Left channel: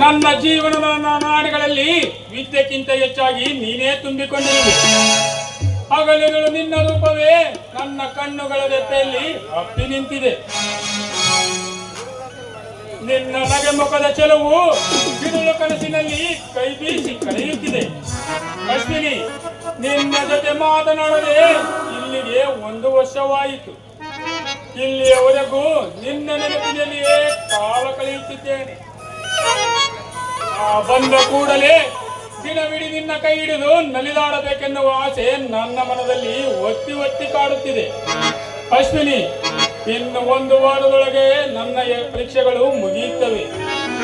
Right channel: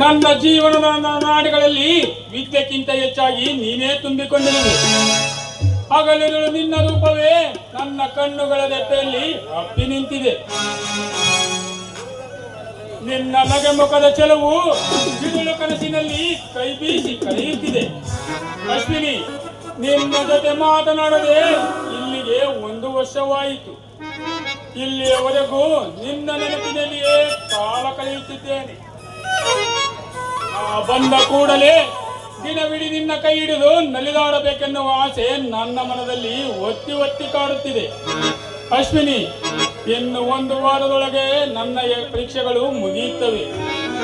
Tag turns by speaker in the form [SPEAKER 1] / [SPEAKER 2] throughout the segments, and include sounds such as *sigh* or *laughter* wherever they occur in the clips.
[SPEAKER 1] ನನ್ನ ಜೀವನದ ನಾಡಿಗಳಲ್ಲಿ ವಿದ್ಯೆಕ್ಕಿಂತ ಹೆಚ್ಚಾಗಿ ನೀನೇ ತುಂಬಿಕೊಂಡಿರುವೆ. ಹಗಲಿರುಳು ನಿನ್ನ ರೂಪವೇ ನನ್ನ ಕಣ್ಣುಗಳ ರೆಪ್ಪೆಯಲ್ಲಿ ಅಪ್ಪಿ ನಿಂತಿದೆ. ನಿನ್ನ ನಗೆಮುಖದ ಚೆಲುವು ಬಿರುಳು ಕನಸಿನಲ್ಲಿ ಕೈ ಬೀಸಿ ಕರೆಯುತ್ತಿದೆ ಅಶ್ವಿನಿ, ನಿನ್ನ ಜೊತೆ ಮಾತನಾಡದೆ ಇಲ್ಲಿಗೆ ಒಂದು ವರ್ಷವಾಯಿತು. ಇಲ್ಲಿಯವರೆಗೂ ನಿನ್ನ ನೆನಪಿನಲ್ಲಿಯೇ ಕಾಲ ಕಳೆಯುತ್ತಿದ್ದೇನೆ. ಬಂದ ಕೂಡಲೇ ದಿನವಿಡೀ ನಿನ್ನ ಕೈ ಹಿಡಿದು ನಲಿದಾಡಬೇಕೆನ್ನುವ ಆಸೆ ನನ್ನ ಮನದಲ್ಲಿ ಒತ್ತಿ ಒತ್ತಿ ಕಾಡುತ್ತಿದೆ. ಅಶ್ವಿನಿ, ಇನ್ನು ಒಂದು ವಾರದೊಳಗೆ ನನ್ನ ಪರೀಕ್ಷೆಗಳು ಮುಗಿಯುತ್ತವೆ.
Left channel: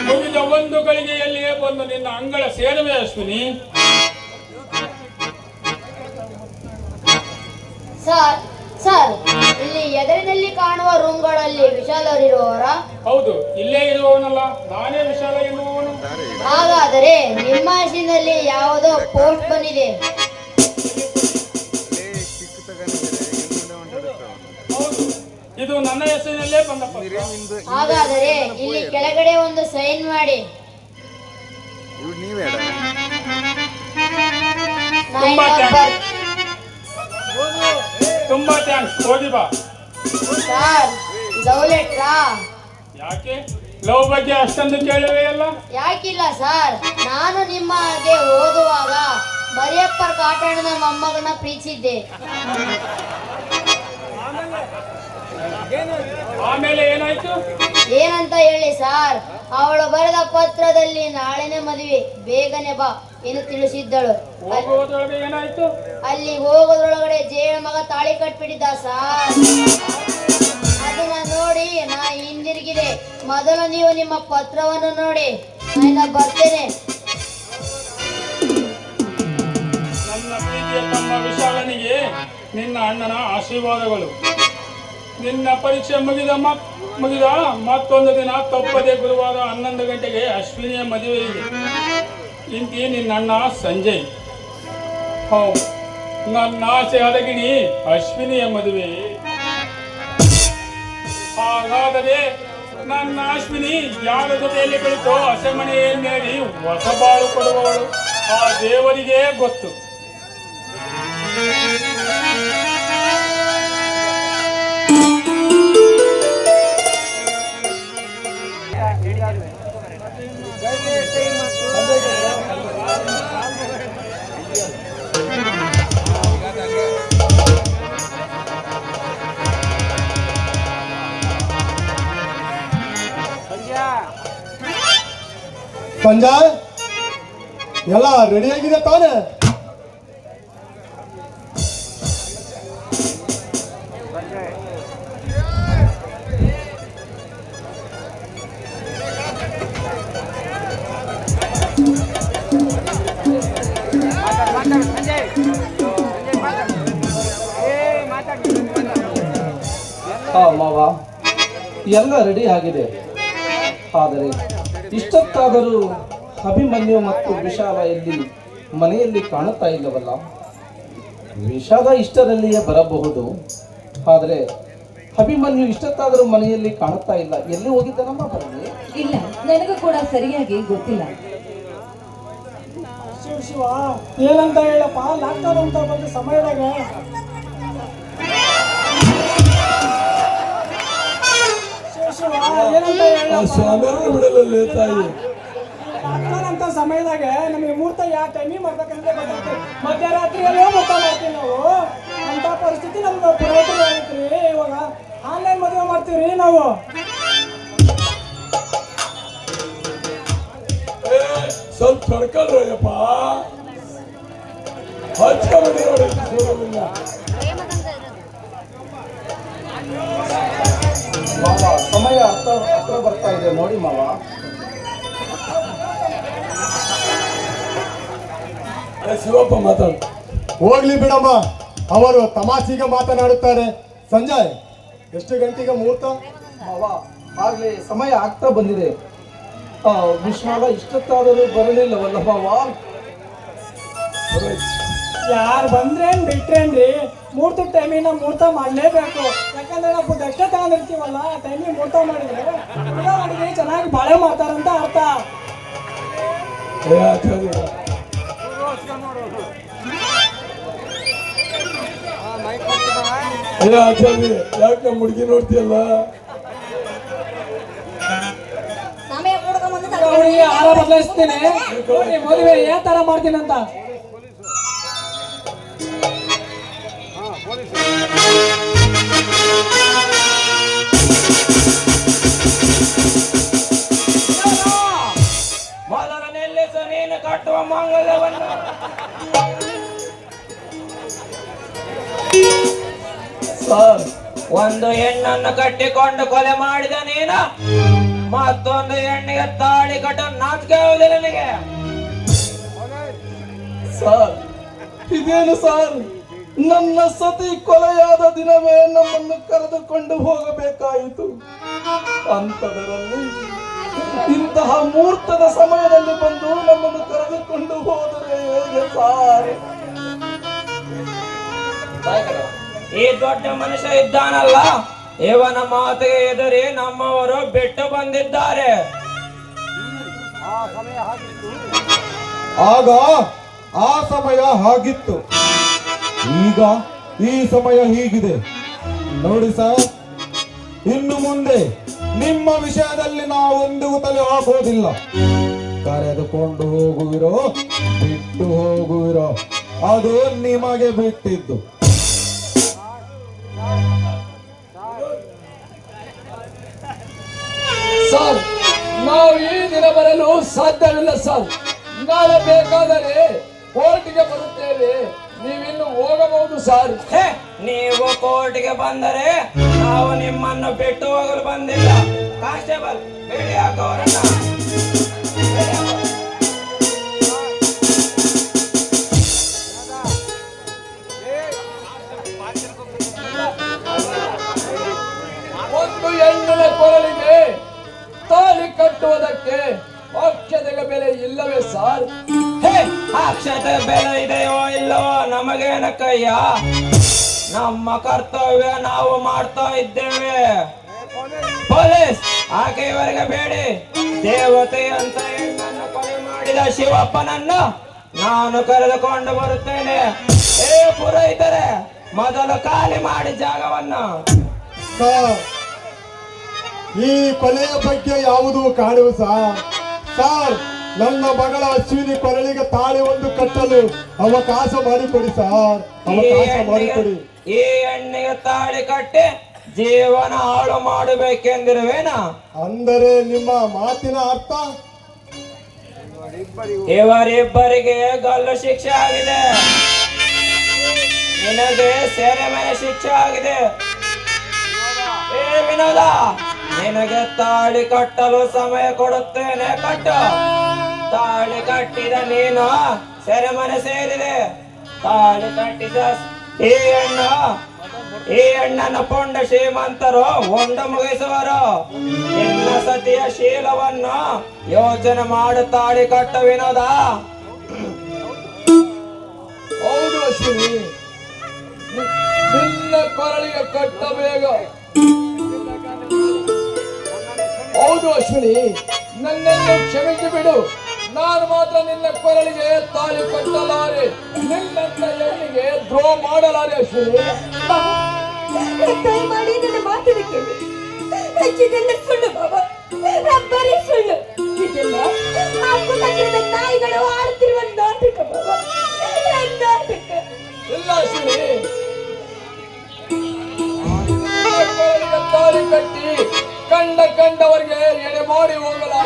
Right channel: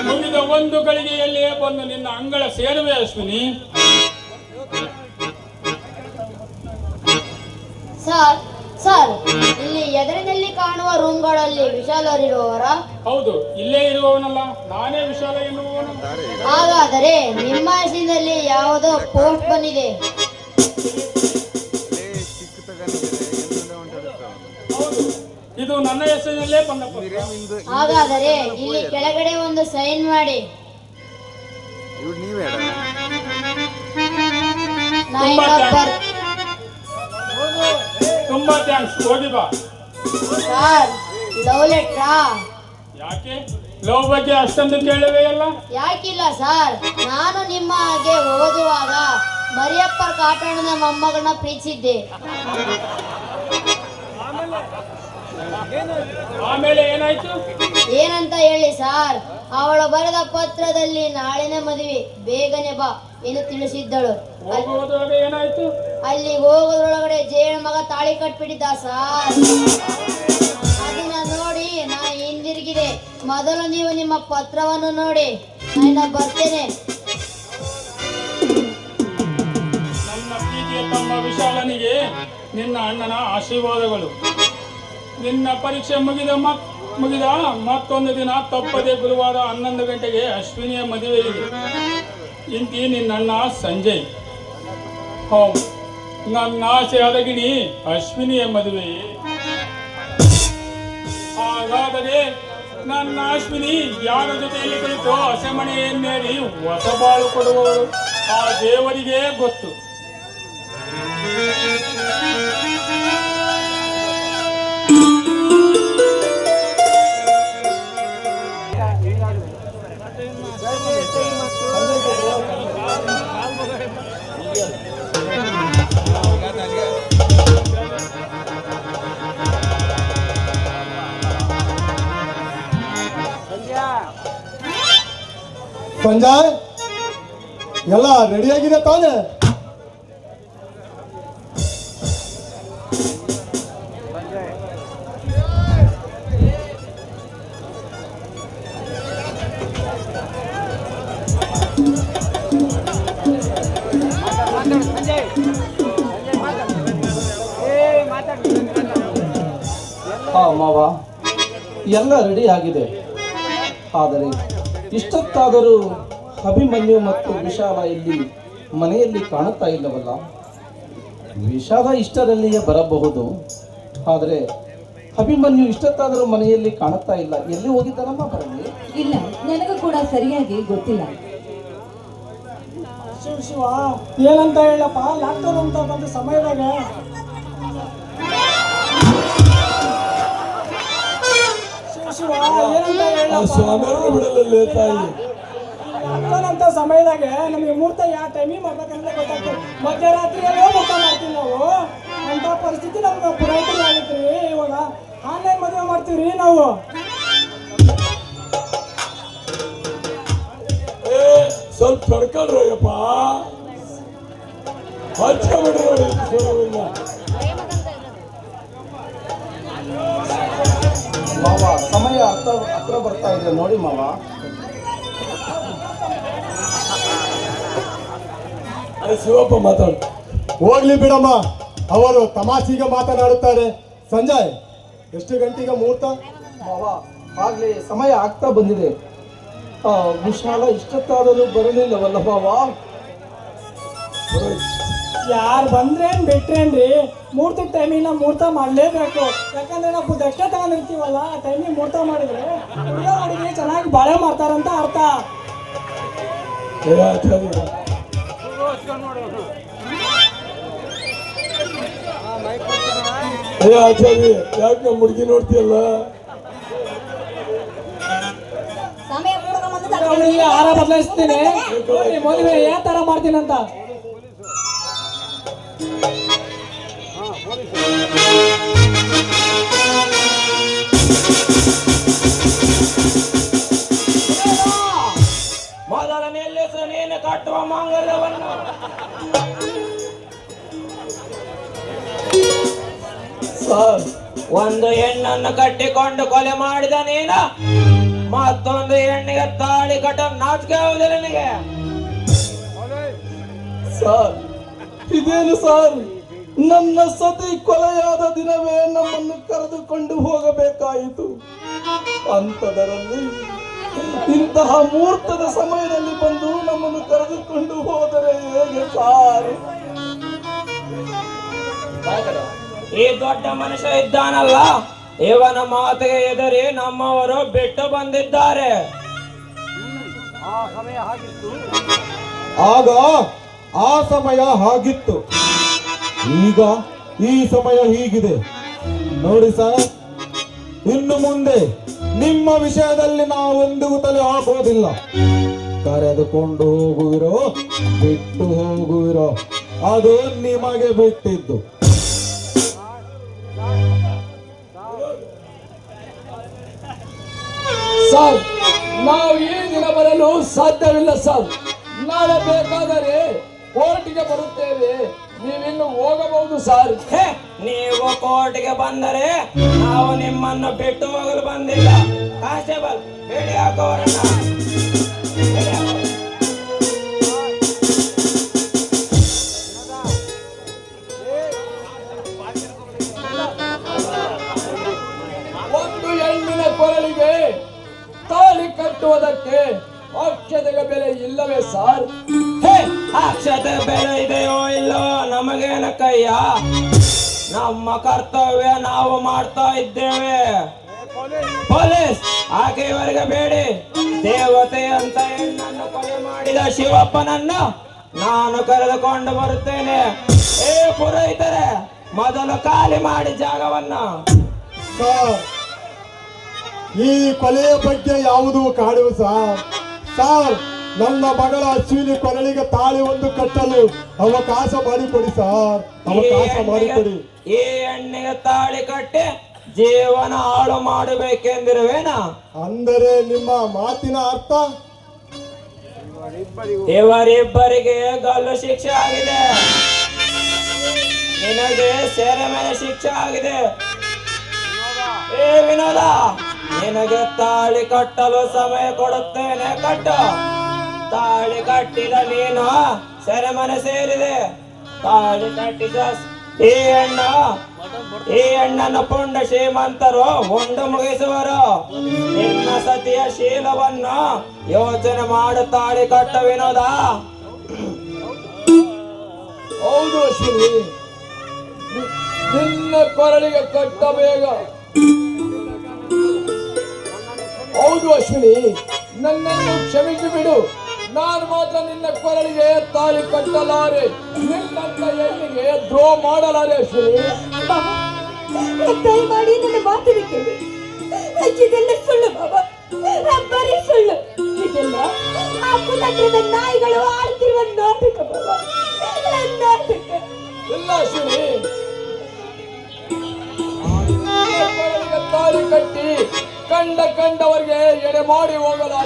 [SPEAKER 1] ಮುಗಿದ ಒಂದು ಗಳಿಗೆಯಲ್ಲಿಯೇ ಬಂದು ನಿನ್ನ ಅಂಗಳ ಸೇರುವೆ ಅಶ್ವಿನಿ.
[SPEAKER 2] ಸರ್ ಸರ್ ರೂಮ್ಗಳಲ್ಲಿ ವಿಶಾಲರಿರುವವರ?
[SPEAKER 1] ಹೌದು ಇಲ್ಲೇ ಇರುವವನಲ್ಲ ನಾನೇ ವಿಶಾಲ ಎನ್ನುವವನು.
[SPEAKER 2] ಹಾಗಾದರೆ ನಿಮ್ಮ ಹೆಸರಿನಲ್ಲಿ ಯಾವುದೋ ಪೋಸ್ಟ್ ಬಂದಿದೆ.
[SPEAKER 1] ಇದು ನನ್ನ ಹೆಸರಿನಲ್ಲೇ ಬಂದ.
[SPEAKER 2] ಹಾಗಾದರೆ ಇಲ್ಲಿ ಕೆಳಗಡೆ ಒಂದು ಸೈನ್ ಮಾಡಿ.
[SPEAKER 3] ಇವ್
[SPEAKER 2] ನಂಬರ್
[SPEAKER 1] ತುಂಬಾ ಥ್ಯಾಂಕ್ಸ್ ಹೋಗಿ ಬಾ.
[SPEAKER 2] ಸರ್ ಲವ್ ಲೆಟ್ರಾ
[SPEAKER 1] ಯಾಕೆ? ಲವ್ ಬಗ್ಗೆ ಅಷ್ಟೊಂದು ಕೇಳುವೆಯಲ್ಲ
[SPEAKER 2] ಯಾಕಿಲ್ಲ ಸರ್? ನಾನು ನಿಮ್ಮ ಹಾಗೆ ಓದುವಾಗ ಮರಿಯಪ್ಪರ್ ಕಾಟಣ್ಣನ ಮೊಮ್ಮಗನ ಪ್ರೀತಿಸಿದ್ದೆ.
[SPEAKER 1] ಆಮೇಲೆ ಏನಾಯ್ತು?
[SPEAKER 2] ಏನಂತ ಹೇಳಿ ಸರ್ ಅವಳು ಬರೆದ ಪತ್ರದಲ್ಲಿ ನಾಳೆನೇ ಮದುವೆ. ಬೇಗನೆ ಬಾ ಎಂದು ತಿಳಿಸಿದ್ದಳು. ಅಲ್ಲಿ ಹೋಗೋದ್ರೊಳಗಡೆ ಜೇಣ ಮಗ ತಾಳಿ ಕಟ್ಬಿಟ್ಟಿದ್ದ ಸಾರ್. ಅದನ್ನ ನೋಡಿ, ನಾ ಹಿಂದಿರುಗಿದೆ ಮೊದಲು ನೀವು ನಿಮ್ಮ ಪತ್ರವನ್ನು ನೋಡಿ ನಾನು ಬರ್ತೇನೆ.
[SPEAKER 1] ನನ್ನ ಪ್ರೀತಿಯ ತಮ್ಮ ವಿಶಾಲನಿಗೆ ನಿನ್ನ ಅಣ್ಣನ ಆಶೀರ್ವಾದಗಳು. ನಿನ್ನ ಪರೀಕ್ಷೆ ಮುಗಿದ ಮುಗಿದ ಮತ್ತೊಂದು ದಿನ ತಪ್ಪದೆ ಗುರುವಾರ ಹನ್ನೊಂದು ಗಂಟೆಗೆ ಅಶ್ವಿನಿಯ ಮದುವೆ ಇದೆ. ಇಂತಿ ನಿನ್ನ ಅಣ್ಣ ಸಂಜಯ್ ಹೌದು. ನನ್ನ ಆಸೆ ಹದಗಿಣಿ ಅಶ್ವಿನಿಯ ಮದುವೆ ಹಾಗಾದರೆ ನನ್ನ ಅಶ್ವಿನಿ ಯಾರ ಜೊತೆಯಲ್ಲಿ ಕುಳಿತು ಹಸೆಮಣೆಯನ್ನೇರಿ ಹೊಸ ಬಾಳು ಕೊಡುವವಳು? ಆ ದೇವರಿಗೆ ಗೊತ್ತು.
[SPEAKER 4] ರೆಡಿಯಾಗಿದೆ ತಾನೆ
[SPEAKER 5] ಹಾ ಮಾವ. ಎಲ್ಲ ರೆಡಿ ಆಗಿದೆ. ಆದರೆ ಇಷ್ಟೊತ್ತಾದರೂ ಅಭಿಮನ್ಯು ಮತ್ತು ವಿಷಾದ ಇಲ್ಲಿ ಮನೆಯಲ್ಲಿ ಕಾಣುತ್ತಾ ಇಲ್ಲವಲ್ಲ? ವಿಷಾದ ಇಷ್ಟರಲ್ಲಿಯೇ ಬರಬಹುದು. ಆದರೆ ಅಭಿಮನ್ಯು ಇಷ್ಟತ್ತಾದರೂ ಮನೆಯಲ್ಲಿ ಕಾಣುತ್ತಾ ಇಲ್ಲ. ಎಲ್ಲಿ ಹೋಗಿದ್ದಾನಮ್ಮ ಬರಲಿ
[SPEAKER 6] ಇಲ್ಲ ನನಗೆ ಕೂಡ ಸರಿಯಾಗಿ ಗೊತ್ತಿಲ್ಲ.
[SPEAKER 7] ಶಿವ ಶಿವ ಏನಂತ ಹೇಳಪ್ಪ? ಲ್ಯಾಪ್ಟಾಪ್ ಅಂತ ಬಂದ ಸಮಯದಾಗ. ಶಿವ ಶಿವ ಏನಂತ ಹೇಳಪ್ಪ?
[SPEAKER 4] ಬಿಡಲಲ್ಲೇ ತಾಯಿ?
[SPEAKER 7] ಸಮಯದಾಗ ನಮಗೆ ಮುಹೂರ್ತ ಯಾವ ಟೈಮಿಗೆ ಮಾಡ್ಬೇಕಂದ್ರೆ ಗೊತ್ತಾಗ್ತದೆ. ಮಧ್ಯರಾತ್ರಿಯಲ್ಲೇ ಮುಹೂರ್ತ ಮಾಡ್ತೀವಿ ನಾವು. ಅಂತ ಪರಿಸ್ಥಿತಿ ನಮ್ಗೆ ಪುರೋಹಿತರು ಆಗೈತ್ರಿ ಇವಾಗ ಆನ್ಲೈನ್ ಮದುವೆ ಮಾಡ್ತೀವಿ ರೀ ನಾವು
[SPEAKER 4] ಸ್ವಲ್ಪ ನೋಡಿ
[SPEAKER 5] ಮಾವ ಸಮಯ ಹತ್ರ ಹತ್ರ ಬರ್ತಾ ಇದೆ. ನೋಡಿ ಮಾವ.
[SPEAKER 4] ಶಿವಪ್ಪ ಮಾತಾಡ. ಹೋಗ್ಲಿ ಬಿಡಮ್ಮ. ಅವರು ತಮಾಷೆಗೆ ಮಾತನಾಡುತ್ತಾರೆ. ಸಂಜಯ್ ಎಷ್ಟು ಗಂಟೆಗೆ ಮುಹೂರ್ತ?
[SPEAKER 5] ಆಗ್ಲಿ ಆಗ್ಲೇ ಸಮಯ ಆಗ್ತಾ ಬಂದಿದೆ. ಆ, ಇಷ್ಟತ್ತಾದರೂ ಇಷ್ಟೊತ್ತಾದರೂ ಬರಲಿಲ್ಲವಲ್ಲ
[SPEAKER 4] ಬಾವಾ
[SPEAKER 7] ಯಾರು ಬಂದ್ರೇನು ಬಿಟ್ರೇನ್ರಿ? ಮೂರ್ತಿ ಟೈಮಿಗೆ ನಾವು ಮೂರ್ತ ಮಾಡಲೇಬೇಕು. ಯಾಕಂದ್ರೆ ನಾವು ದಕ್ಷಿಣ ತಗೊಂಡಿರ್ತೀವಲ್ಲ ಆ ಟೈಮಿಗೆ ಮೂರ್ತ ಮಾಡಿದ್ರೆ ಮಾಡಿದ್ರೆ ಚೆನ್ನಾಗಿ ಬಾಳೆ ಮಾಡ್ತಾರಂತ ಅರ್ಥ.
[SPEAKER 4] ಏ ಆಚಾರಿ ಯಾಕೆ ನಮ್ಮ ಹುಡುಗಿ ನೋಡ್ತೀಯಲ್ಲ?
[SPEAKER 7] ಆರ ಬದಲಾಯಿಸ್ತೀನಿ. ಮದುವೆ ಯಾವ ತರ ಮಾಡ್ತೀನಿ ಅಂತ
[SPEAKER 8] ಒಂದು ಹೆಣ್ಣನ್ನು ಕಟ್ಟಿಕೊಂಡು ಕೊಲೆ ಮಾಡಿದ ನೀನು, ಮತ್ತೊಂದು ಹೆಣ್ಣಿಗೆ ತಾಳಿ ಕಟ್ಟ ನಾಚಿಕೆ ಆಗುದಿಲ್ಲ ನಿನಗೆ.
[SPEAKER 5] ಸರ್, ಇದೇನು ಸರ್? ನನ್ನ ಸತಿ ಕೊಲೆಯಾದ ದಿನವೇ ನಮ್ಮನ್ನು ಕರೆದುಕೊಂಡು ಹೋಗಬೇಕಾಯಿತು. ಅಂತದರಲ್ಲಿ ಇಂತಹ ಮುಹೂರ್ತದ ಸಮಯದಲ್ಲಿ ಬಂದು ನಮ್ಮನ್ನು ಕರೆದುಕೊಂಡು ಹೋದರೆ ಹೇಗೆ ಸಾರ್?
[SPEAKER 8] ಈ ದೊಡ್ಡ ಮನುಷ್ಯ ಇದ್ದಾನಲ್ಲ ಇವನ ಮಾತಿಗೆ ಎದುರಿ ನಮ್ಮವರು ಬಿಟ್ಟು ಬಂದಿದ್ದಾರೆ.
[SPEAKER 9] ಆಗ ಆ ಸಮಯ ಹಾಗಿತ್ತು ಈಗ ಈ ಸಮಯ ಹೀಗಿದೆ. ನೋಡಿ ಸರ್ ಇನ್ನು ಮುಂದೆ ನಿಮ್ಮ ವಿಷಯದಲ್ಲಿ ನಾವು ಎಂದಿಗೂ ತಲೆ ಹಾಕೋದಿಲ್ಲ ಕರೆದುಕೊಂಡು ಹೋಗುವಿರೋ ಬಿಟ್ಟು ಹೋಗುವಿರೋ ಅದು ನಿಮಗೆ ಬಿಟ್ಟಿದ್ದು.
[SPEAKER 5] ಸರ್, ನಾವು ಈ ದಿನ ಬರಲು ಸಾಧ್ಯವಿಲ್ಲ ಸರ್. ನಾಳೆ ಬೇಕಾದರೆ ಕೋರ್ಟ್ಗೆ ಬರುತ್ತೇವೆ. ನೀವಿನ್ನು ಹೋಗಬಹುದು ಸರ್.
[SPEAKER 8] ನೀವು ಕೋರ್ಟ್ಗೆ ಬಂದರೆ ನಾವು ನಿಮ್ಮನ್ನು ಬಿಟ್ಟು ಹೋಗಲು ಬಂದಿಲ್ಲ. ಕಾನ್ಸ್ಟೇಬಲ್ ಹೇಳಿ ಹಾಕೋರನ್ನ
[SPEAKER 5] ಕೊರಳಿಗೆ ತಾಳಿ ಕಟ್ಟುವುದಕ್ಕೆ ಅಕ್ಷತೆಗೆ ಬೆಲೆ ಇಲ್ಲವೇ ಸಾರ್?
[SPEAKER 8] ಅಕ್ಷತೆ ಬೆಲೆ ಇದೆಯೋ ಇಲ್ಲವೋ ನಮಗೇನಕ್ಕಯ್ಯ ನಮ್ಮ ಕರ್ತವ್ಯ ನಾವು ಮಾಡ್ತಾ ಇದ್ದೇವೆ. ಪೊಲೀಸ್ ಆಕೆ ಇವರಿಗೆ ಬೇಡಿ. ದೇವತೆ ಅಂತ ಹೆಣ್ಣನ್ನು ಕೊಲೆ ಮಾಡಿದ ಶಿವಪ್ಪನನ್ನ ನಾನು ಕರೆದುಕೊಂಡು ಬರುತ್ತೇನೆ. ಏ ಪುರೋಹಿತರೆ, ಮೊದಲು ಖಾಲಿ ಮಾಡಿ ಜಾಗವನ್ನ.
[SPEAKER 4] ಈ ಕೊಲೆಯ ಬಗ್ಗೆ ಯಾವುದು ಕಾಡುವ ಸಾರ್ ಸರ್ ನನ್ನ ಮಗಳ ಅಶ್ವಿನಿ ಕೊರಳಿಗೆ ತಾಳಿ ಒಂದು ಕಟ್ಟಲು ಅವಕಾಶ ಮಾಡಿಕೊಡಿ ಸರ್ ಅವಕಾಶ ಮಾಡಿಕೊಡಿ.
[SPEAKER 8] ಈ ಹೆಣ್ಣಿಗೆ ತಾಳಿ ಕಟ್ಟಿ ಜೀವನ ಹಾಳು ಮಾಡಬೇಕೆಂದಿರುವೇನ?
[SPEAKER 4] ಅಂದರೆ ನಿಮ್ಮ ಮಾತಿನ ಅರ್ಥ?
[SPEAKER 8] ಇವರಿಬ್ಬರಿಗೆ ಗಲ್ಲು ಶಿಕ್ಷೆ ಆಗಿದೆ. ನಿನಗೆ ಸೆರೆಮನೆ ಶಿಕ್ಷೆ ಆಗಿದೆ. ಏ ವಿನೋದ! ನಿನಗೆ ತಾಳಿ ಕಟ್ಟಲು ಸಮಯ ಕೊಡುತ್ತೇನೆ, ಕಟ್ಟ. ತಾಳಿ ಕಟ್ಟಿದ ನೀನು ಸೆರೆಮನೆ ಸೇರಿದೆ. ತಾಳಿ ಕಟ್ಟಿದ ಈ ಹೆಣ್ಣ ಈ ಹೆಣ್ಣನ ಪುಂಡ ಶ್ರೀಮಂತರು ಉಂಡು ಮುಗಿಸುವರು. ನಿನ್ನ ಸತಿಯ ಶೀಲವನ್ನು ಯೋಚನೆ ಮಾಡು, ತಾಳಿ ಕಟ್ಟ ವಿನೋದ
[SPEAKER 5] ಹೌದು ಶ್ರೀ. ನಿನ್ನ ಕೊರಳಿಗೆ ಕಟ್ಟಬೇಗ ಹೌದು ಅಶ್ವಿನಿ. ನನ್ನನ್ನು ಕ್ಷಮಿಸಿ ಬಿಡು. ನಾನು ಮಾತ್ರ ನಿನ್ನ ಕೊರಳಿಗೆ ತಾಳಿ ಕಟ್ಟಲಾರೆ ನಿನ್ನಂತ ಹೆಣ್ಣಿಗೆ ದ್ರೋಹ ಮಾಡಲಾರೆ ಅಶ್ವಿನಿ.
[SPEAKER 6] ದಯಮಾಡಿ ನನ್ನ ಮಾತಿನ ಕೇಳಿ. ಇದೆಲ್ಲ ಸುಳ್ಳು ಬಾಬಾ ಬರೀ ಸುಳ್ಳು. ಇದೆಲ್ಲ ಆ ಕುತಂತ್ರದ ನಾಯಿಗಳು ಆಡ್ತಿರುವ ನಾಟಕ ಬಾಬಾ ನಾಟಕ?
[SPEAKER 5] ಇಲ್ಲ ಅಶ್ವಿನಿ. ಕಟ್ಟಿ ಕಂಡ ಕಂಡವರಿಗೆ ಎಡೆ ಮಾಡಿ
[SPEAKER 6] ಬಾಬಾ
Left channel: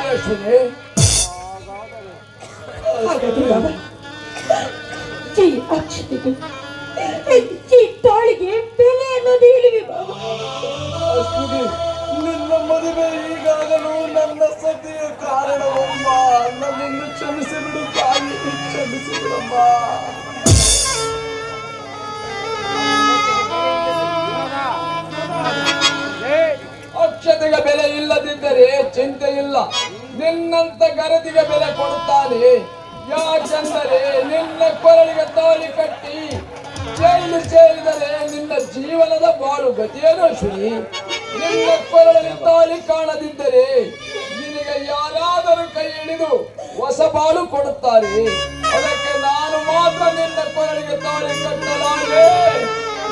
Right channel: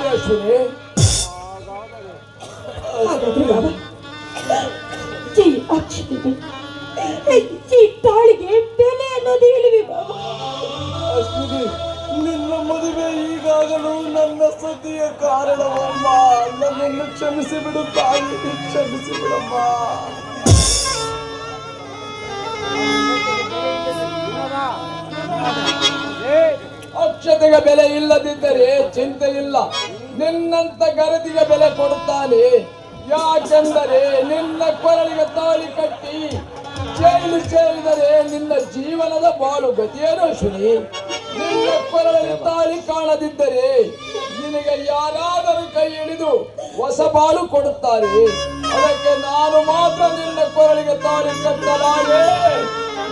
[SPEAKER 6] ಜೈ ಅಕ್ಷತೆಗೆ ಜೈ ತಾಳಿಗೆ ಬೆಲೆ ಅನ್ನೋದು ಹೇಳಿವೆ
[SPEAKER 5] ನಿನ್ನ ಮದುವೆ ಈಗಾಗಲೂ ನನ್ನ ಸತಿಯ ಕಾರಣವಮ್ಮ. ನನ್ನನ್ನು ಕ್ಷಮಿಸಿ ಬಿಡು ತಾಯಿ ಕ್ಷಮಿಸಿ ಬಿಡಮ್ಮ. ಅಕ್ಷತೆಗೆ ಬೆಲೆ ಇಲ್ಲದಿದ್ದರೆ ಚಿಂತೆ ಇಲ್ಲ ನಿನ್ನಂತ ಗರದಿಗೆ ಬೆಲೆ ಕೊಡುತ್ತಾನೆ. ಯಾಕೆಂದರೆ ನಿನ್ನ ಕೊರಳಿಗೆ ತಾಳಿ ಕಟ್ಟಿ ಜೈಲು ಸೇರಿದರೆ ನಿನ್ನ ಜೀವನದ ಬಾಳು ಗತಿಯನ್ನು ಸರಿ ನಿನ್ನ ಕೊರಳಿಗೆ ತಾಳಿ ಕಾಣದಿದ್ದರೆ ನಿನಗೆ ಯಾರಾದರೂ ಕೈ ಹಿಡಿದು ಹೊಸ ಬಾಳು ಕೊಡುತ್ತಾರೆ. ಅದಕ್ಕೆ ನಾನು ಮಾತ್ರ ನಿನ್ನ ಕೊರಳಿಗೆ ತಾಳಿ ಕಟ್ಟಲಾರೆ.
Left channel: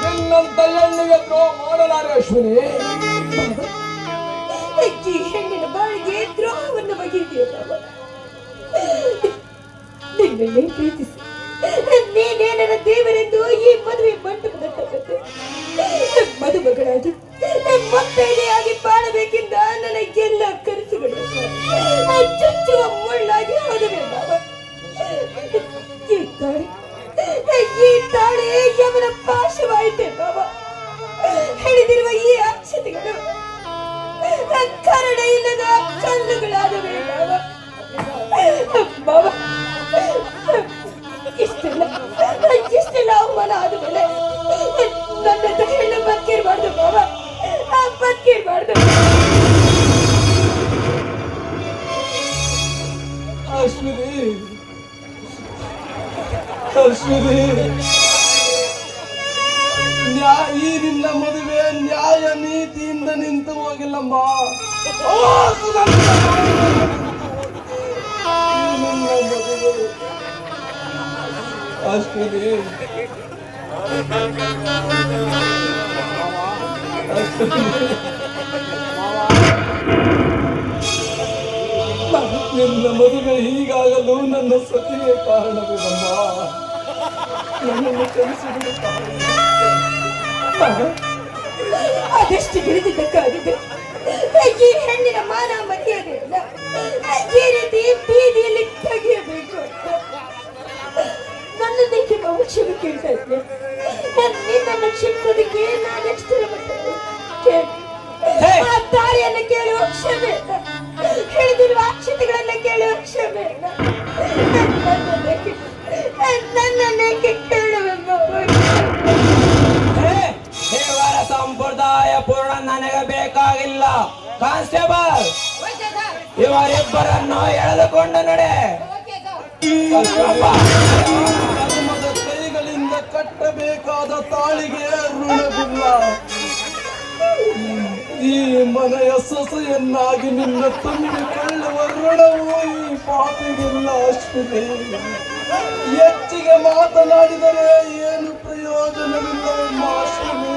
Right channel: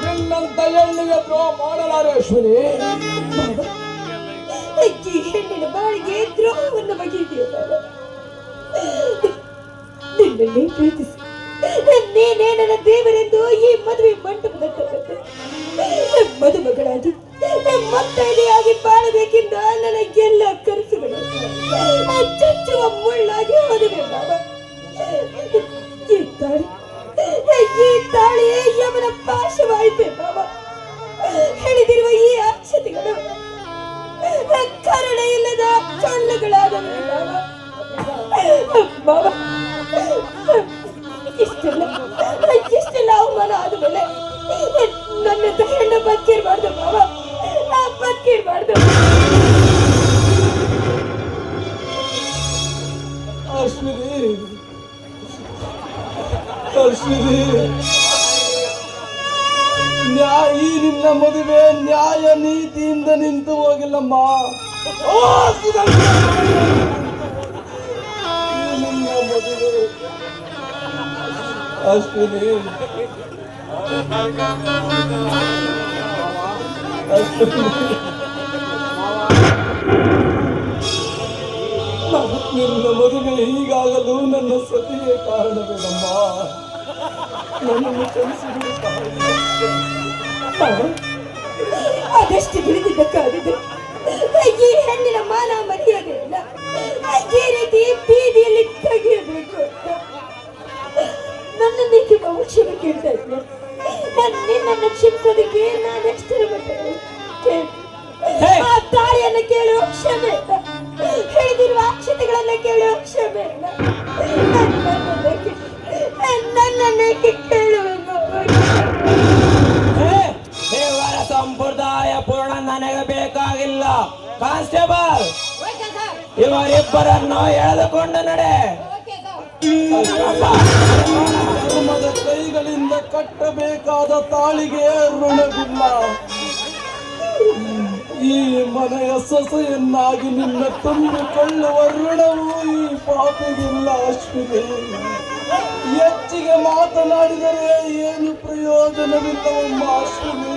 [SPEAKER 5] ನಿನ್ನ ಹೆಣ್ಣಿಗೆ ದ್ರೋಹ ಮಾಡಲಾರೆ ಅಶ್ವಿನಿ.
[SPEAKER 6] ಈ ಹೆಣ್ಣಿನ ಬಾಳಿಗೆ ದ್ರೋಹವನ್ನು ಬಗೆದಿಯ ನಿನ್ನನ್ನೇ ಪ್ರೀತಿಸಿ. ನೀನೇ ನನ್ನ ದೇವರೆಂದು ಈ ಮದುವೆ ಮಂಟಪದ ಕಟ್ಟೆ ಮದುಮಗಳಾಗಿ ಮುತ್ತೈದೆಯಾಗಿ ಬಾಳಬೇಕೆಂದ ನನಗೆಲ್ಲ ಕನಸುಗಳು. ಚುಚ್ಚುವ ಮುಳ್ಳಾಗಿ ಹೋದವೆ ಈ ತಾಳಿ ಈ ತಾಳಿ ಯಮನ ಪಾಶವಾಯಿತೆ ಬಾಬಾ ಹಿಡಿದಿರುವ ಈ ಅಕ್ಷತೆಗಳು ಕರುಣೆ ಇಲ್ಲದ ಕಲ್ಲುಗಳಾದವೆ ಬಾಬಾ ಇಷ್ಟೆಲ್ಲ ಇಷ್ಟೆಲ್ಲ ಅವಮಾನ ಆದಮೇಲೆ ನನ್ನ ಹೆಣ್ಣ ಬದುಕಿರ್ಬಾರ್ದು ಬಾಬಾ ಬದುಕಿರ್ಬಾರ್ದು
[SPEAKER 5] ಅಶ್ವಿನಿ. ಅಶ್ವಿನಿ. ಈ ನಿನ್ನ ಮದುವೆ ನ್ಯಾಯ ನೀತಿಯಿಂದ ನಿಂತು ಹೋಗಿಲ್ಲಮ್ಮ. ಅಷ್ಟೇ ನಿನ್ನ ಮದುವೆ ಹೀಗಾಗಲು ನನ್ನ ಸತಿಯೇ ಕಾರಣವೇನಮ್ಮ ನನ್ನನ್ನು ಕಲಿಸಿದ ತಾಯಿ.
[SPEAKER 6] ಬಾಬಾ, ಅದೆಷ್ಟು ತಿಳಿದಿದ್ದಕ್ಕಾಗಿದೆ. ಈ ಹೆಣ್ಣಿನ ಮಾನ ಮರ್ಯಾದೆಯಲ್ಲ. ಈ ರೀತಿ ಬೀದಿಯಲ್ಲಿ ತೆಗೆಯಬೇಕು. ಬಹು ಕ್ಷಮೆ ಕೇಳ್ತಾ ಇದ್ದೆ. ನಿನ್ನನ್ನು ಕ್ಷಮಿಸೋದಕ್ಕೆ ನಾನು ಎಷ್ಟರ ಕೇಳಿ ಆ ತಾಳಿಯನ್ನು ಕೇಳುವ ಕ್ಷಮೆ ಹೇಳಿದಿರುವ ಅಕ್ಷತೆಗಳನ್ನ ಕೇಳುವ ಕ್ಷಮೆ. ನನ್ನನ್ನೇಕೆ ನನ್ನನ್ನೇಕೆ ಕೇಳುವೆನು
[SPEAKER 8] ಸಂಪ್ರದಾಯ ಪೂರ್ಣ ನನಗೆ ಬೇಕಾಗಿಲ್ಲ. ಕಾನ್ಸ್ಟೇಬಲ್ ಇವರಿಬ್ಬರನ್ನು ಎಳೆದುಕೊಂಡು ನಡೆ.
[SPEAKER 5] ಕೈಗಳಿಂದ ಕಟ್ಟಬೇಕಾದ ತಾಳಿಗೆ ಋಣವಿಲ್ಲ. ಈ ಮನೆಯ ಸೊಸೆಯನ್ನಾಗಿ ನಿನ್ನ ತುಂಬಿಕೊಳ್ಳುವ ಋಣವೂ ಈ ಪಾಪಿಗಿಲ್ಲ ಅಶ್ವಿನಿ. ಹೆಚ್ಚಿಗೆ ಮಾತನಾಡಿದರೆ ಏನು ಪ್ರಯೋಜನವಿಲ್ಲ ಅಶ್ವಿನಿ.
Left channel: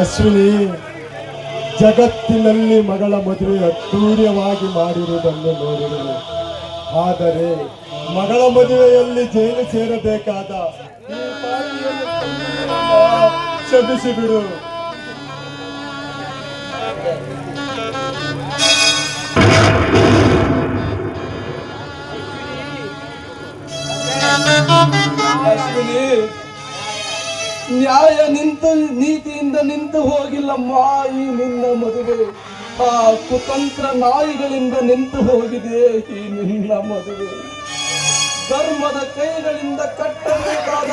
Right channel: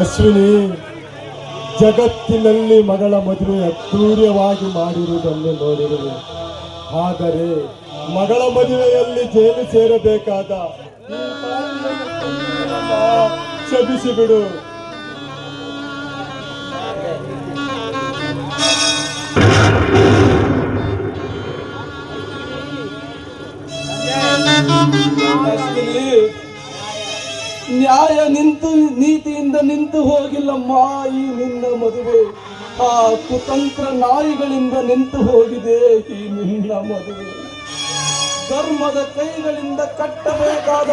[SPEAKER 4] ಅಶ್ವಿನಿ, ಜಗತ್ತಿನಲ್ಲಿ ಮಗಳ ಮದುವೆ ಅದ್ದೂರ್ಯವಾಗಿ ಮಾಡಿರುವುದನ್ನು ನೋಡಿರುವೆ ಆದರೆ ಮಗಳ ಮದುವೆಯಲ್ಲಿ ಜೈಲು ಸೇರಬೇಕಾದ ಶಬಿಸಿಬಿಡು ಬಿಡು.
[SPEAKER 5] ಅಶ್ವಿನಿ ನ್ಯಾಯ ನಿಂತು ನೀತಿಯಿಂದ ನಿಂತು ಹೋಗಿಲ್ಲಮ್ಮ ಈ ನಿನ್ನ ಮದುವೆ. ಆ ಕುತಂತ್ರ ನಾಯಿಗಳಿಂದ ನಿಂತು ಹೋಗಿದೆ ಈ ನಿನ್ನ ಮದುವೆ. ಧರ್ಮದ ಕೈಗಳಿಂದ ಕಟ್ಟಬೇಕಾದ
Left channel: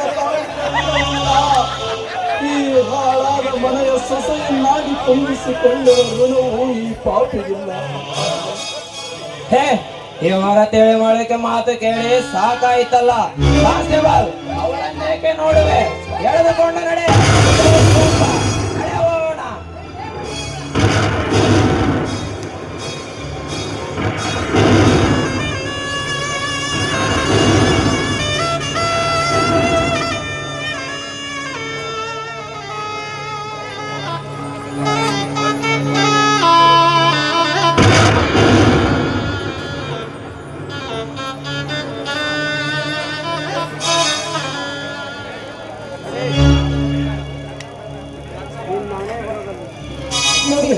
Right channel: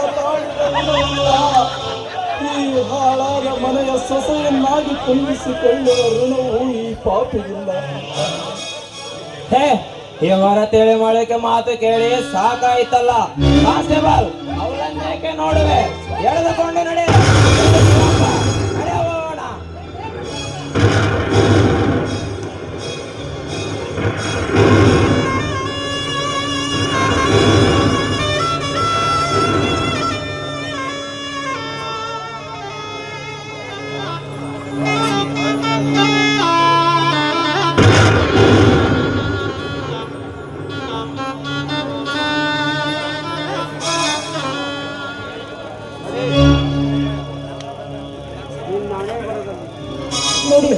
[SPEAKER 5] ಈ ಹಾಳಾದ ಮನೆಯ ಸೊಸೆಯನ್ನಾಗಿ ತುಂಬಿಸಿಕೊಳ್ಳುವ ಋಣವು ಈ ಪಾಪಿಗಿಲ್ಲ.
[SPEAKER 8] ಹೇ ಇವರ ತಿಳಿ ಮೊಳಕೆ ಮಾತು ಕೇಳಿ ಸಾಕಾಯ್ತಲ್ಲ. ಕಾನ್ಸ್ಟೇಬಲ್ ಅವರನ್ನೇಕೆ ನೋಡುವೆ? ಎಳೆದುಕೊಂಡು ನಡೆ. ನೋಡಿ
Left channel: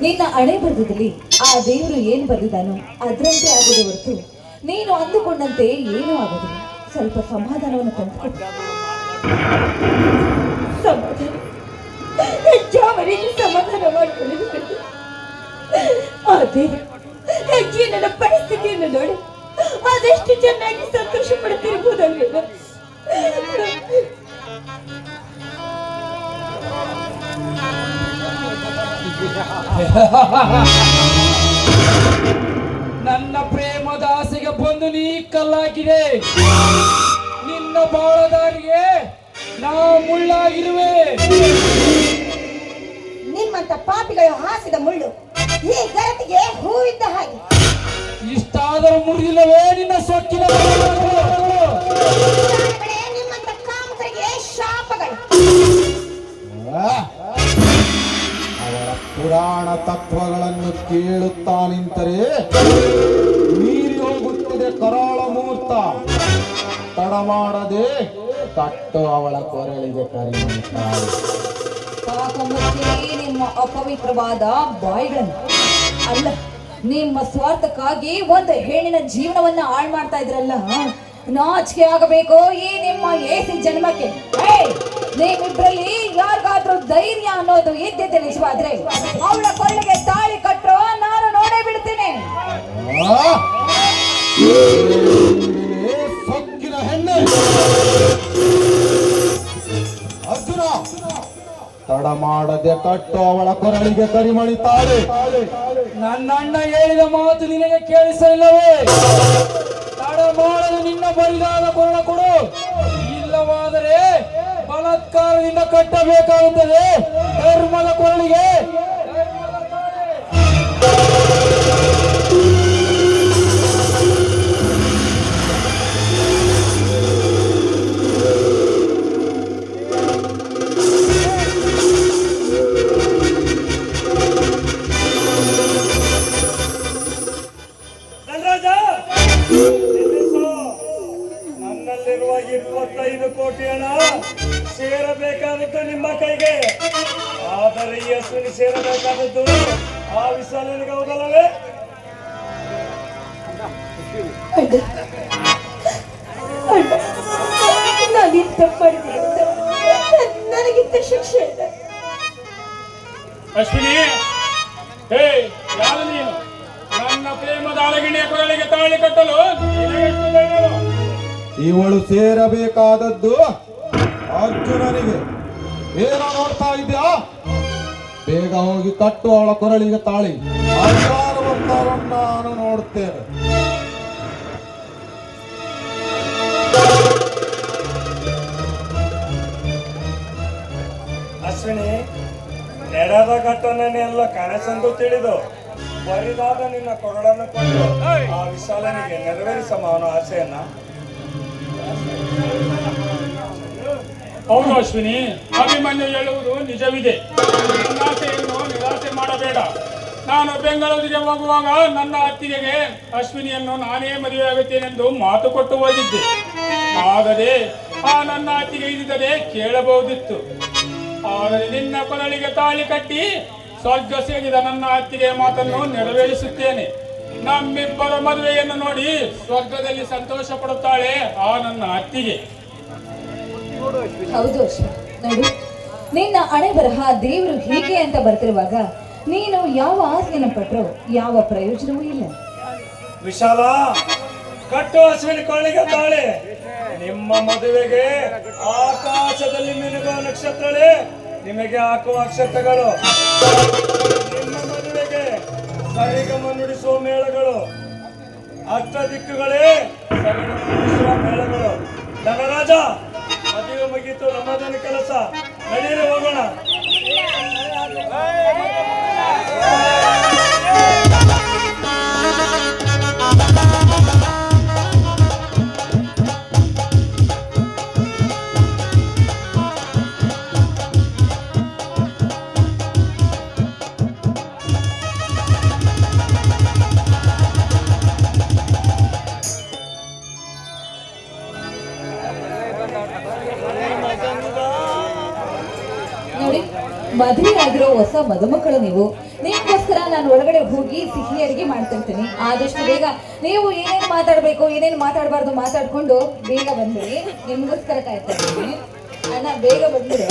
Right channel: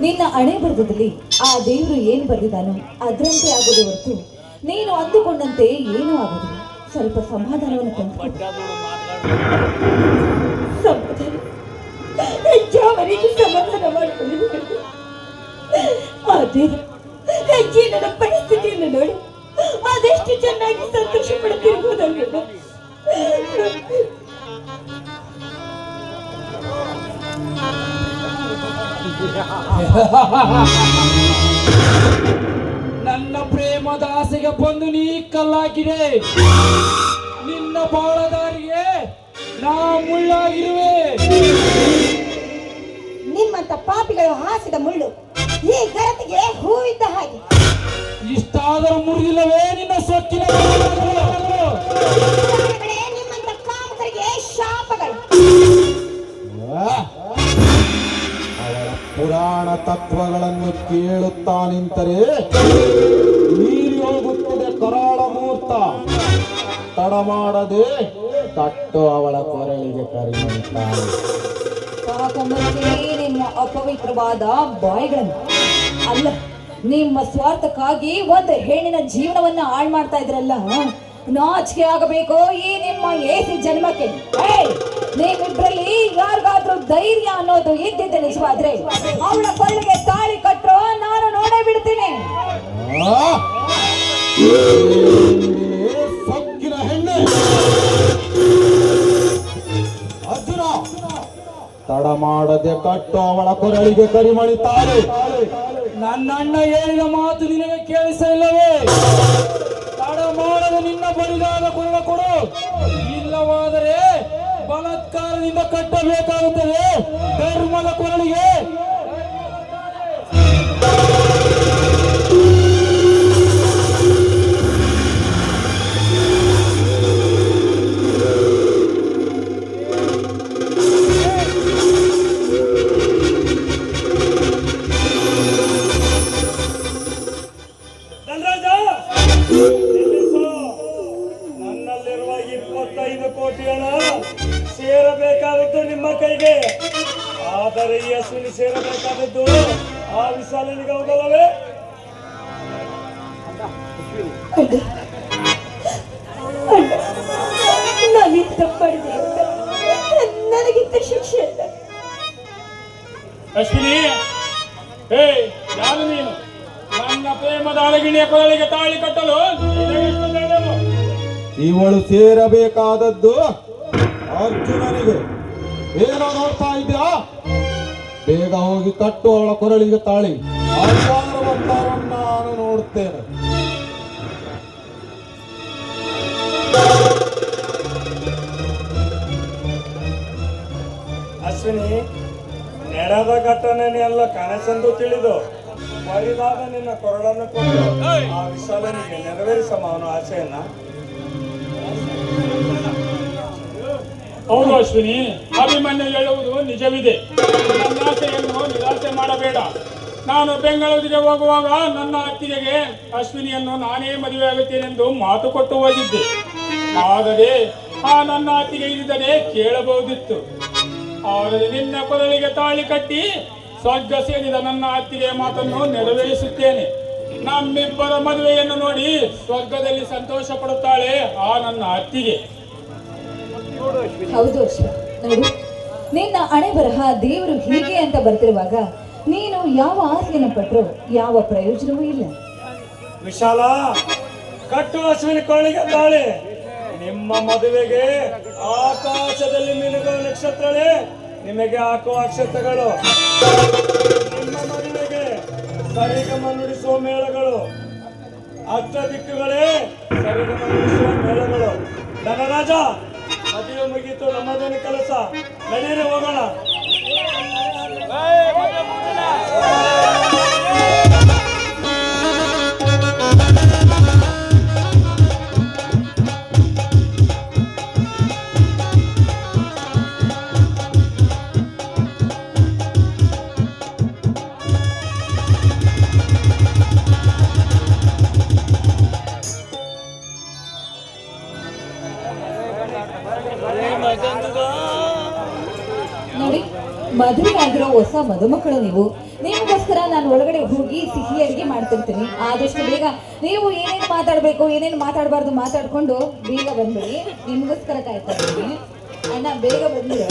[SPEAKER 6] ನಿನ್ನ ಹಣೆ ಬರದಲ್ಲಿ ಆ ದೇವರು ಏನು ಬರೆದಿದ್ದಾನೋ ಅದರಂತೆ ಆಗೋದು ಹೊರತು ನೀನು ಅಂದುಕೊಂಡಂತೆ ಏನೂ ಆಗೋದಿಲ್ಲ. ಸ್ವಲ್ಪ ಸಮಾಧಾನವನ್ನು ತಂದುಕೊಡು. ಸಮಾಧಾನ. ಪರಿಸ್ಥಿತಿಯನ್ನು ನೋಡಿ ಅದೆಷ್ಟು ಚೆನ್ನಾಗಿ ಸಂತೋಷ ಪಡುತ್ತಿರ್ಬೋದಲ್ವೇನೋ *laughs*
[SPEAKER 10] ನನ್ನ ಪ್ರೇಮದ ಆಸೆಗೆ ಬಂದು ನೀ ಕಲ್ಲಾಗಿದೆ. ನಿನ್ನ ಬಾಳದಾರಿಗೆ ನಾ ಮುಳ್ಳಾಗಿರುವೆ.
[SPEAKER 11] ನಿಮ್ಮಂತ ಪಾಪಿಗಳು ಹಾಸಿದ ಮುಳ್ಳು ಈ ಗರತಿಗೆ ಹೂವಿದ್ದ ಹಾಗೆ.
[SPEAKER 10] ಇಷ್ಟಾದರೂ ಮುರಿದಿಲ್ಲವೇ ನಿನ್ನ ಸೊಕ್ಕಿನ
[SPEAKER 9] ತತ್ವಗಳನ್ನು ಕೇಳುತ್ತಾ ನಿಂತರೆ ನೀರಿ ಹೋಗುತ್ತಿದೆ ಕರಾಳ ಮೂರ್ತ. ತಡ ಮಾಡದೆ ತಟ್ಟು ಅವಳ ಕೊರಳಿಗೆ
[SPEAKER 11] ಮುಚ್ಚಿ ನಿಮ್ಮ ಅಪವಿತ್ರವಾದ ಬಾಯಿಗಳನ್ನು. ಅಲ್ಲ ನಿಮ್ಮ ಸ್ವಾರ್ಥಕ್ಕಾಗಿ ಒಂದು ಹೆಣ್ಣಿನ ಜೀವನವನ್ನ ಹಾಳು ಮಾಡ್ತಾ ಇದ್ರಲ್ಲ? ನಾಚಿಕೆ ಆಗಬೇಕು ಈ ನಿಮ್ಮ ಏಸಿ ಜನ್ಮಕ್ಕೆ? ಏಯ್, ಯಾರು ಧೈರ್ಯ ಅನ್ನೋದು ಇದ್ದಿದ್ದೆ ನಿಜವಾದ್ರೆ ಅವಳ ಕೊರಳಿಗೆ ತಾಳಿ ಕಟ್ಟೋ ನಾನು ನೋಡೇ ಬಿಡ್ತೀನಿ.
[SPEAKER 9] ತಡ ಮಾಡದೆ ಕಟ್ಟು ಅವಳ ಕೊರಳಿಗೆ ಕರಿಮಣಿ ತಾಳಿ.
[SPEAKER 10] ನನ್ನ ಅಣ್ಣ ಹೇಳಿದ ಮಾತು ನಿನಗೆ ಕೇಳಿಸಲಿಲ್ಲವೇ ತಡ ಮಾಡಲು ನಿನ್ನ ಬರಿದಾದ ಕೊರಳ ಕೊಡು. ಇಲ್ಲವಾದರೆ ಬಲಾತ್ಕಾರದಿಂದ ಕಟ್ಟಬೇಕಾಗುತ್ತದೆ ಧರ್ಮದ ಕೊರಳಿಗೆ
[SPEAKER 11] ನನಗಿಂತ ಶಿಕ್ಷೆ ಇಲ್ಲ.
[SPEAKER 1] ಅಶ್ವಿನಿ ಹೇ ಯಾರು ನೀನು? ನನ್ನ ಪ್ರೇಮದ ಅಳಗಿಣಿಯ ಕೊರಳಿಗೆ ತಾಳಿ ಕಟ್ಟಲು?
[SPEAKER 9] ಇವಳು ಸೇರಬೇಕಾದದ್ದು ಅರ್ಜುನನಿಗೆ. ಏನು ನೋಡ್ತಾ ಇದ್ಯಾ? ಬೇಗ ಹೋಗಿ ಕಟ್ಟು ಅವಳ ಕೊರಳಿಗೆ ತಾಳಿ. ನಾನು ನೋಡುತ್ತೇನೆ
[SPEAKER 1] ನಡೆದ ಘಟನೆಯೆಲ್ಲ ಕನಸೆಂದು ತಿಳಿದು ಬರಿದಾದ ನಿನ್ನ ಕೊರಳನ್ನು ಕೊಟ್ಟು ಆ ವಿಶಾಲನಿಗೆ ನೆರವೇರಿಸಮ್ಮ ಅವನ ಆಸೆಯನ್ನ. ಹೌದು ಅಶ್ವಿನಿ ಅಭಿಮನ್ಯು ಹೇಳುವುದು ನಿಜವಿದೆ. ನನ್ನ ಆಸೆಯನ್ನು ನಿರಾಸೆ ಮಾಡಬೇಡ. ನಾನು ಬೆಂಗಳೂರಿಗೆ ಹೋಗುವಾಗ ನನ್ನ ಅತ್ತಿಗೆಗೆ ಅಶ್ವಿನಿಯನ್ನು ನಾನೇ ಮದುವೆಯಾಗುತ್ತೇನೆಂದು ಮಾತು ಕೊಟ್ಟು ಹೋಗಿದ್ದೆ. ಆದರೆ ಆ ನನ್ನ ಅತ್ತಿಗೆ ಇದ್ದರೆ ಕೇಳಬಹುದಿತ್ತು. ನಿನ್ನ ಕೊರಳಿಗೆ ತಾಳಿ ಕಟ್ಟಿ ಸ್ವರ್ಗ ಸೇರಿದ ನನ್ನ ಅತ್ತಿಗೆ ಮಾತನ್ನು ನೆರವೇರಿಸುತ್ತೇನೆ. ನಮ್ಮಿಬ್ಬರ ಮದುವೆಯನ್ನು ನೋಡಿ ಸ್ವರ್ಗದಲ್ಲಿ ಸಂತೋಷ ಪಡುತ್ತಾಳೆ ಆ ನನ್ನ ಅತ್ತಿಗೆ.
[SPEAKER 11] ಹೌದು ಅಶ್ವಿನ್ ನೋಡು ನಿನ್ನ ಹಣೆ ಬರಹ ದೇವರು ಹೀಗೆ ಅಂತ ಬರ್ತಿರುವಾಗ ನೀನು ಯಾವ ಆಸೆಯನ್ನು ಪಟ್ಟರು ಯಾವ ಪ್ರಯೋಜನವೂ ಇಲ್ಲ.
[SPEAKER 1] ವಿಶಾಲ ಕಟ್ಟು ಹಸುವಿನ ಕೊಳ್ಳಿಗೆ ತಾಳೆ. ನಿಮ್ಮ ಮದುವೆಗೆ ಆಕಾಶದಲ್ಲಿ ಮಿನುಗುವ ನಕ್ಷತ್ರನೇ ನಿಮಗೆ ಹಾಕುವ ಅಕ್ಷತೆಗಳು ನಿಮ್ಮ ಮದುವೆಗೆ ಸರಿಗಮ ನುಡಿಸುವ ಮೇಳಗಳು. ಅಷ್ಟ ದಿಕ್ಕುಗಳೇ ಸರಿಗಮ ನುಡಿಸುವ ಮೇಳಗಳು. ಧನರಾಜ, ಮದುವೆ ಮುಗಿತು ನಮ್ಮದಿನ ಕೆಲಸ. ನಡೀರಿ ಹೋಗೋಣ.
[SPEAKER 11] ಆದಷ್ಟು ಬೇಗ ನೀವು ಏನೇನು ಮಾತಾಡಬೇಕು, ಏನೇನು ಮಾತಾಡಬಾರ್ದು ಮಾತಾಡ್ಕೊಂಡು ಬೇಗ ಬಂದ್ಬಿಡಿ. ನಿಮ್ಗೋಸ್ಕರ ಕಾಯ್ತಾ ಇದ್ದೀನಿ. ಅಣ್ಣ, ಬೇಗ ಬಂದ್ರೆ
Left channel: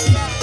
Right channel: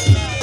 [SPEAKER 10] আসি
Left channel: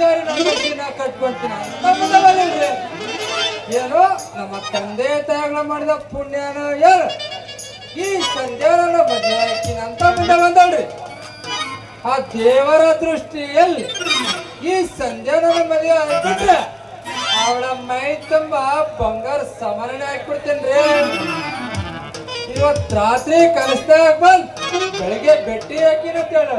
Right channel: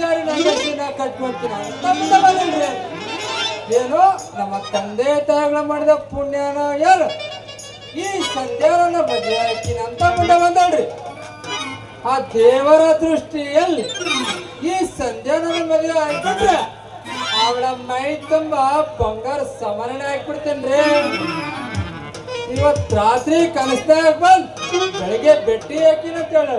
[SPEAKER 10] ಆಚಾರ ಏನು. ನಮ್ಮ ತಂದೆ ತಾಯಿಗಳ ಮಾಡಿದ ಪುಣ್ಯನ ಯಾರು ಈ ಸಂಧ್ಯಾನ ಬದಲಾಯಿಸ್ತೀನಿ ಅಂತ ಮುಂದೆ ಬಂದವ್ರಿ ಆ ದೇವರ ದೃಷ್ಟಿಯಲ್ಲಿ ಈ ಸಂಧ್ಯಾನ ಮದುವೆ ಆಯ್ತಂದ್ರೆ ಅವಳ ಮೈ ತುಂಬ ಬಂಗಾರ ಸಮರಣೆ ಹಾಕ್ಬಿಡ್ತೇನ್ರಿ ಇವತ್ ರಾತ್ರಿ ಕಲಿಸ್ತಾ ಬಂದ್ ಬೆಳಿಗ್ಗೆ ಬೆಟ್ಟಿ ಹಾಕಿನ ಅಂತ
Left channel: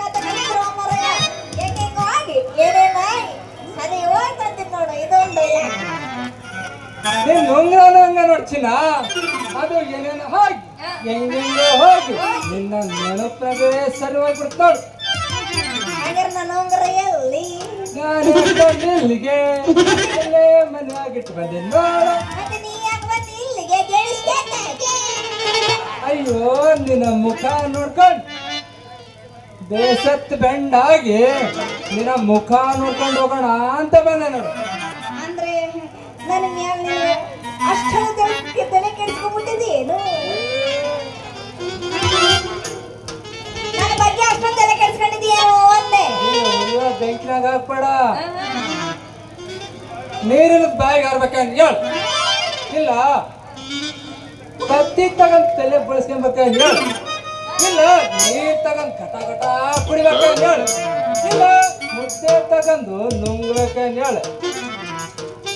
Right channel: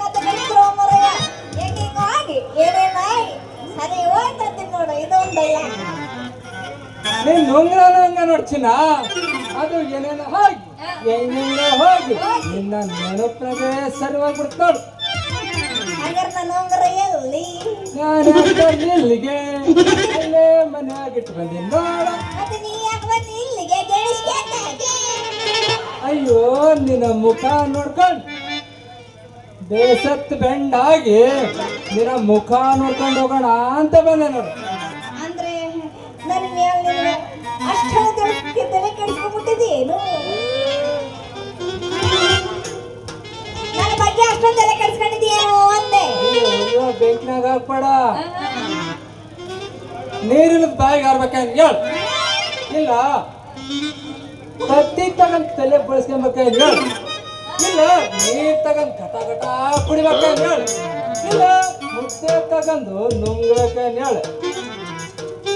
[SPEAKER 12] ಕಟ್ತಿರೋ ಮಾರಾಯ. ಉಜ್ಜಿಕೊಂಡು ಆಗಿ, ಏನೇನೋ ಬಂದ್ ಸರಿ ಮನೆ ನೋಡು ಹೇಳ್ಕೊಳ್ತಾರೆ
[SPEAKER 10] ನೀನ್ ನುಂಗ್ರನ ಹಂಗ ನೋಡ್ತೀನ? ಅದು ಏನೇನೋ ಹೋಗಿ ಹೆಂಗೆಂಗ ಹೋಗಿ. ನಿನ್ನ ನೆನಪೇ ಸರ್ವ ಬಿಡ್ತಾಳು ಅಯ್ಯೋ ನಿನ್ನ ಮುಖ ನೋಡ್ಕೊಂಡು ಬೇಸತ್ ಬೆಂಡಾಗಿ ನಿನ್ನ ಮುಖ ನೋಡ್ಕೊಂಡು ಹೋಗೋಣ ಅಂತ ಬಂದೆ ನೋಡು
[SPEAKER 12] ಅಂದ್ರೆ ನನ್ನ ಅಷ್ಟೊಂದು
[SPEAKER 10] ಬೆಂಕಿನಾಗ ಹಾಕ್ಬೇಡ. ನೀರಿನ ಬಾಯಿಗೆ ಆರ್ಬೇಕಂದ್ ಹೇಳು. ಇಲ್ಲ. ಕತ್ತಿ ತಗೊಂಡ್ ತಲೆ ಬಳಸ್ಕೊಂಬೇಕಂತ ಹೇಳ. ಇಲ್ಲ. ನೀರ್ ತಗೊಂಡ್ ಘಟ ಘಟ ಕುಡಿಬೇಕಂತ ಹೇಳು. ಇಲ್ಲ. ಮುದ್ದೆ ತಗೊಂಡು ನುಂಗ್ಬೇಕಂತ ಹೇಳ.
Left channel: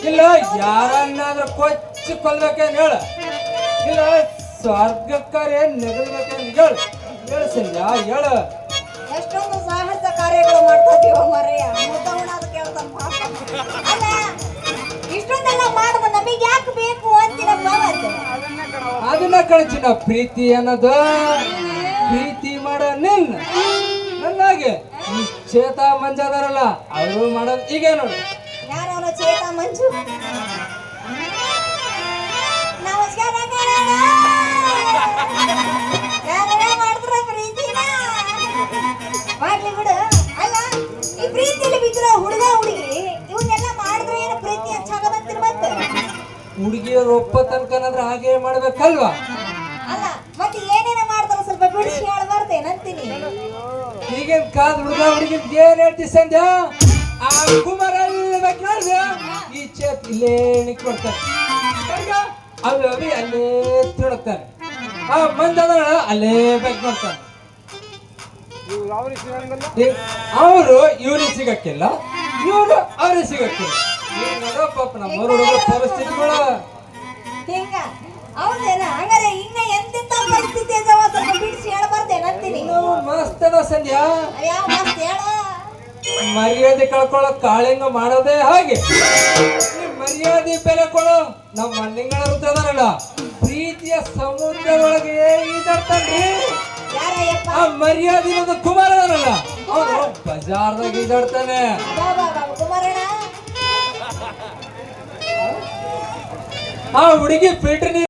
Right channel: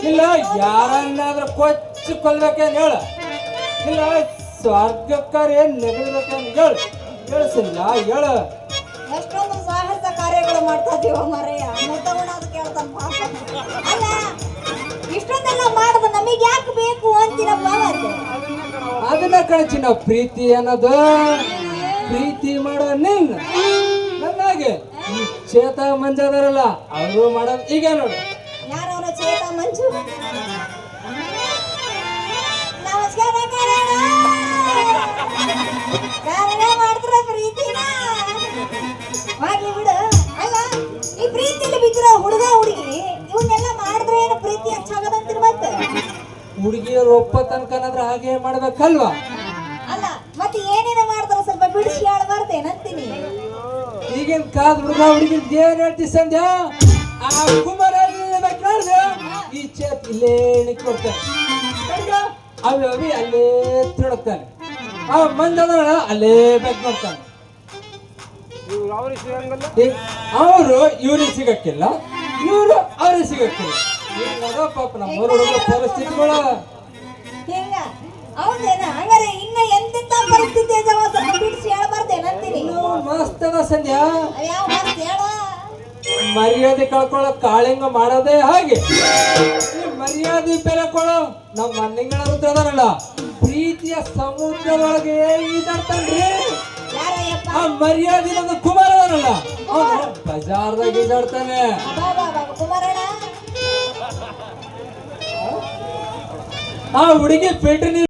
[SPEAKER 10] ಇಲ್ಲ. ಯಾರನ್ನಾದ್ರೂ ಕೊಚ್ಚಿ ಕೊಲ್ಬೇಕಂತ ಹೇಳ. ಇಲ್ಲ. ಸ್ವರ್ಗಕ್ಕರೆ ನೆಗಡ್ಬೇಕಂತ ಹೇಳು. ಹೇಳು ಸಂಜಾ ಹೇಳು.
[SPEAKER 12] ಎಷ್ಟೊಂದು ಮುತ್ತಗಳು ಮಾಡ್ತಾ ಇದೀವ ಬೇಕು
[SPEAKER 10] ಅದನ್ನ ಕಳಿಸಿನ ಪ್ರೀತಿ ಅನ್ನದ. ಪ್ರೀತಿ ಮಾಡೋ ನಿನ್ನ. ನನಗೆ ಈ ಚೇತಾ ಮಂಜು ಅವರು ಮಾಡ ಈಗ ನೋಡಿ.
[SPEAKER 12] ಮಂಜು? ನಮಸ್ಕಾರ ಬಿಡು. ಕಣಣ್ಣ. ಈಗಿನ ಹುಡುಗ ಹುಡುಗಿ ಇವನ್ನೆಲ್ಲ ಮಾಡಿದ್ರೆ ಏನು ಪ್ರೀತಿ ಹೆಚ್ಚಾಗದಂತಿರ್ ಮತ್ತೆ
[SPEAKER 10] ಹುಡುಗಿಯರು ಒಪ್ಪ ತನಕನಾದ್ರೆ ಹಾಗೆ ಮಾಡ್ಬೇಕಲ್ವಾ?
[SPEAKER 12] ಅಲ್ಲ ಮತ್ತೆ ಏನೇನ ಮಾಡ್ತಾರ ಸ್ವಲ್ಪ ಬಿಡಿಸಿ ಹೇಳ್ಬಾರ್ದೇನಂತೀನಿ
[SPEAKER 10] ಈಗಿನ ಕಾದ ಹುಡುಗ ಹುಡುಗಿ ಏನ್ ಹೇಳ್ತಿ ಸಂಧ್ಯಾ? ಆ ಕುಮಾರ ಈ ಚೇತ್ ಇಲ್ಲೇ ಅವಿ ಅವಿ ಅಲ್ಲೇ ತಿರುಗ್ತಾನೆ. ಆ ಮಂದಳ ಅಲ್ಲೇ ಬೆಕ್ ಮಾಡ್ತಾನೆ ಅವರು ಇವ್ರಿಗೆ ಸಿಗಕ್ಕಿಲ್ಲ ಇವರು ಅವ್ರಿಗೆ ಸಿಗಕ್ಕಿಲ್ಲ. ಪಾಪ ನಮ್ಮ ಪರಿಸ್ಥಿತಿಗಳು. ಸಂಧ್ಯಾ. ಮರ್ಯಾದೆ ಕಳ್ಕೊಳ್ಳೋ ಕಾಳಿಂಗ ಮಾಡೋದೇ ಹಾಗೆ. ಈ ಮರ್ಯಾದೆ ಬೆಲೆ ಕೊಡೋ ನಮ್ಮ ಮನೆಗಳ ಪ್ರೀತಿಯ ಸಮುದ್ರದೊಳಗೆ ಈಜಾಡ್ತಾನ್ರಿ ಆ ಮರ್ಯಾದೆ ಇರೋದು ಕುಮಾರ ಅದಾರಲ್ಲ ಅವನು ಬಜಾರ್ದಾಗ
[SPEAKER 12] ಬಾ
[SPEAKER 10] ಆ ಹುಡುಗಿ ನೀರು